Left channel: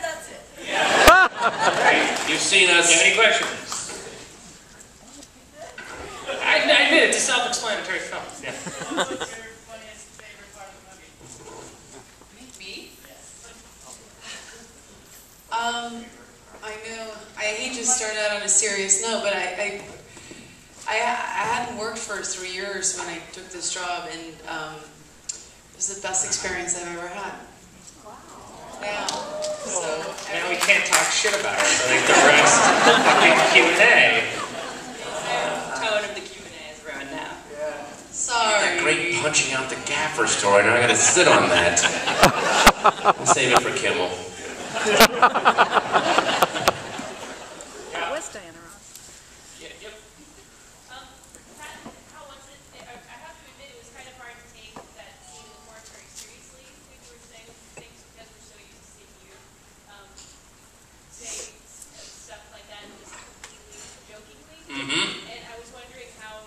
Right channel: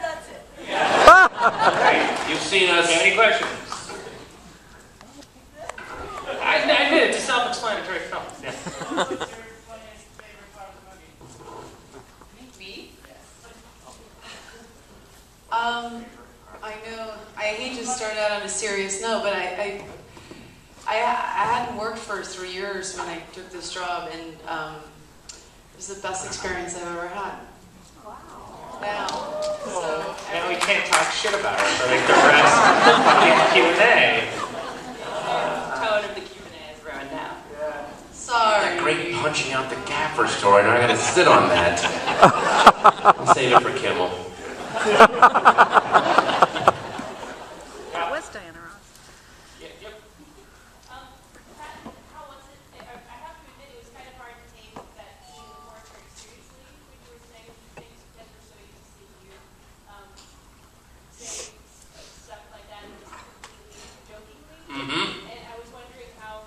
That's it. Yeah. You've seen us. Do you have any questions? I admit it's a self-explanatory film. Yeah. What's your funniest favorite part of the movie? Me? Yes. I know. I hate to start out on a serious note, but I hadn't worked for 3 years when I took this job, and it was the best experience I've ever had. Wow. Yeah. So now we can't talk shit about it, so they progress in Q&A. Tone of the Q&A is ruined now. Yeah. Sorry. Great punching out the gaffer story. Now I gotta sit on that. I'll save it for Kimmel. What's Diana Ross? Yep. Patton, how was it? I have to admit, it was kind of hard to take that scene in the forest very seriously. When you were saying things because we're so used to seeing you saying stuff like that just completely jokingly. Mm-hmm. And I was wondering how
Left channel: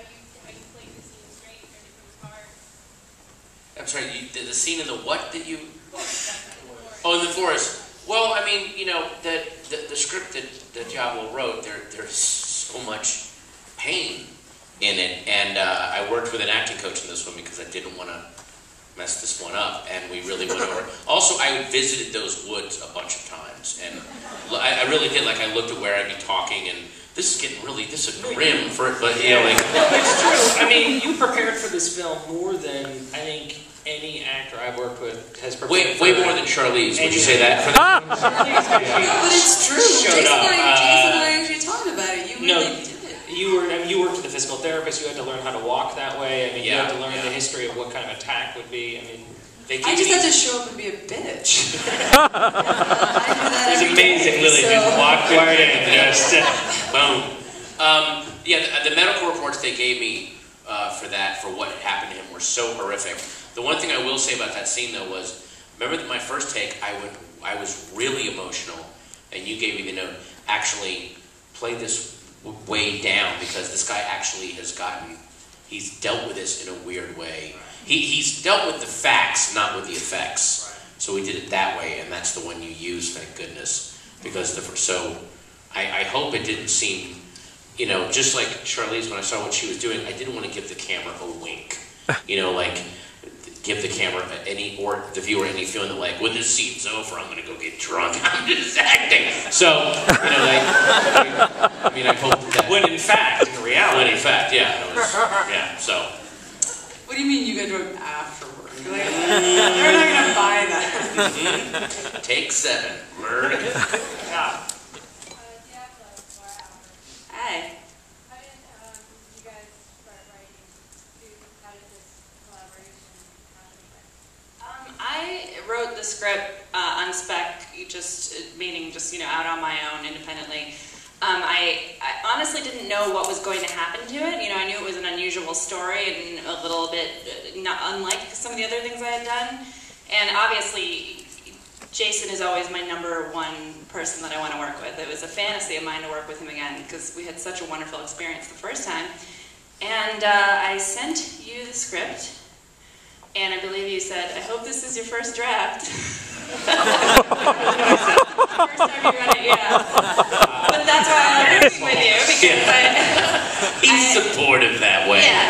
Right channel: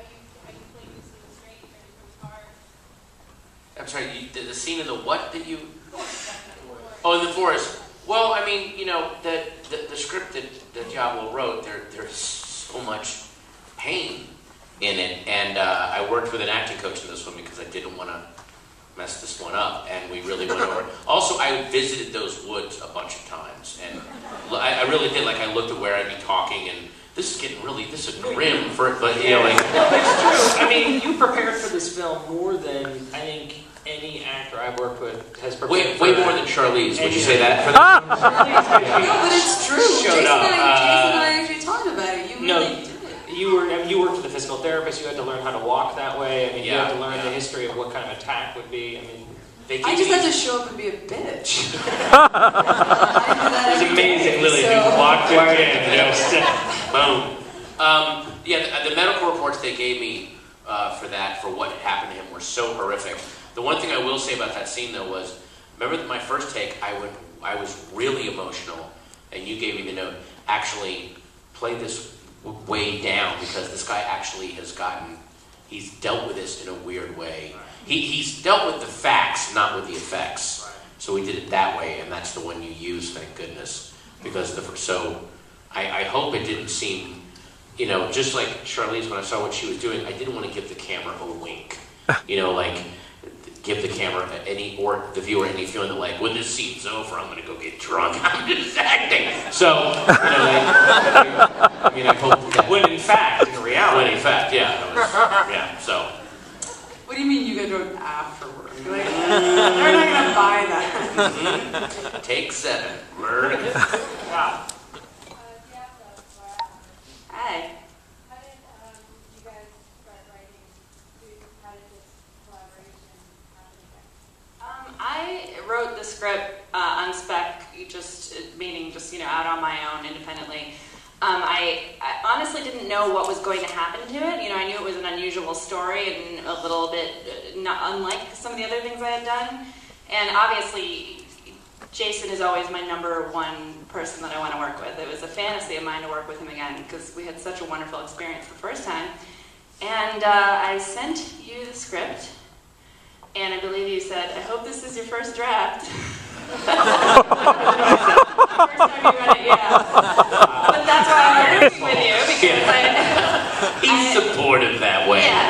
you played the scene straight, and if it was hard. I'm sorry, the scene in the what that you... Oh, in the forest. Well, I mean, you know, the script that Diablo wrote, there's so much pain in it, and I worked with an acting coach in this one because I didn't want to mess this one up, and we really went over. Also, I visited those woods a bunch of times, and I really did. Like, I looked at where I'd be talking, and this is getting really, this is grim for it, but you know, like. It's true. I mean, you prepared for this film more than I think any actor I've worked with has prepared. Way more than Charlize. Would you say that? No, but it's true. Jason and I actually talked about it. You really did it. You worked with a physical therapist. You had to learn how to walk that way. I mean, you had to learn the history of what kind of attack would be. I mean, I just had to show up and be a bitch. It's amazing, Lily. Just walked right in and just boom. Yeah, the medical reports they gave me for what had happened to him were so horrific. The one thing I will say about that scene, though, was, remember my first take, I was really emotional, and you gave me the note, actually play this way down, because this guy actually he's dealt with this in a weird way. He's dealt with the facts, not with the effects. So we did it that way, and that's the one you use, thank goodness. Because I hope it didn't seem, you know, just like Charlize, when I saw what she was doing, I didn't want to give the camera a wink. You know, like, give the camera or the viewer any feeling that, like, when this scene's over, I'm going to go get drunk. I'm just acting. So, you know, like, I mean, I hope that. When in fact, in reality. When in fact, yeah. So. What do you mean you get drunk afterward? You're like, they're not going to buy that. Take 7. Murder. Yeah. Hey. How did you guys start writing? How did this collaboration happen? I wrote the script on spec, meaning just out on my own, independently. I honestly didn't know what was going to happen to it. I knew it was an unusual story and a little bit not unlike some of the other things I had done. And obviously, Jason is always my #1 person that I want to work with. It was a fantasy of mine to work with him again because we had such a wonderful experience the first time. And I sent you the script, and I believe you said, "I hope this is your first draft." First time you read it, yeah. But that's why I'm working with you, because he's supportive that way. Yeah.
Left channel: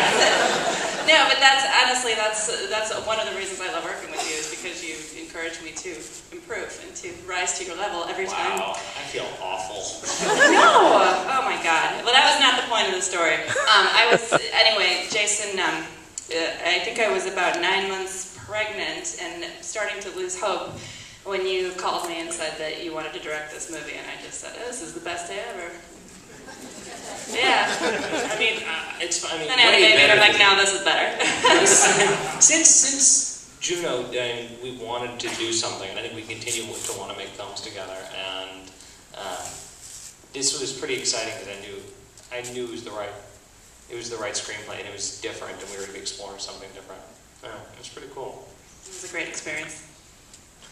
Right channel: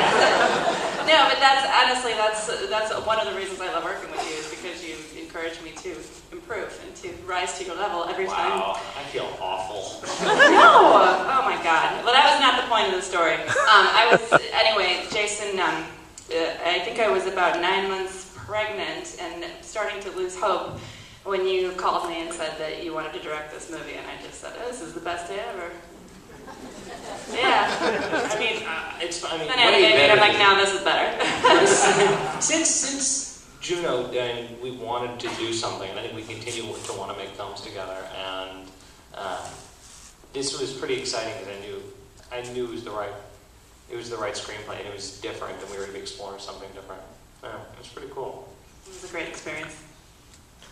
No, but that's honestly that's one of the reasons I love working with you, is because you encourage me to improve and to rise to your level every time. Wow, I feel awful. No, oh my God. Well, that was not the point of the story. Anyway, Jason. I think I was about 9 months pregnant and starting to lose hope when you called me and said that you wanted to direct this movie, and I just said, "Oh, this is the best day ever." Yeah. I mean, and I had a baby, and I'm like, "No, this is better." Since Juno, then we wanted to do something, and I think we continue to want to make films together, and this was pretty exciting because I knew it was the right screenplay, and it was different, and we were going to be exploring something different. It was pretty cool. It was a great experience.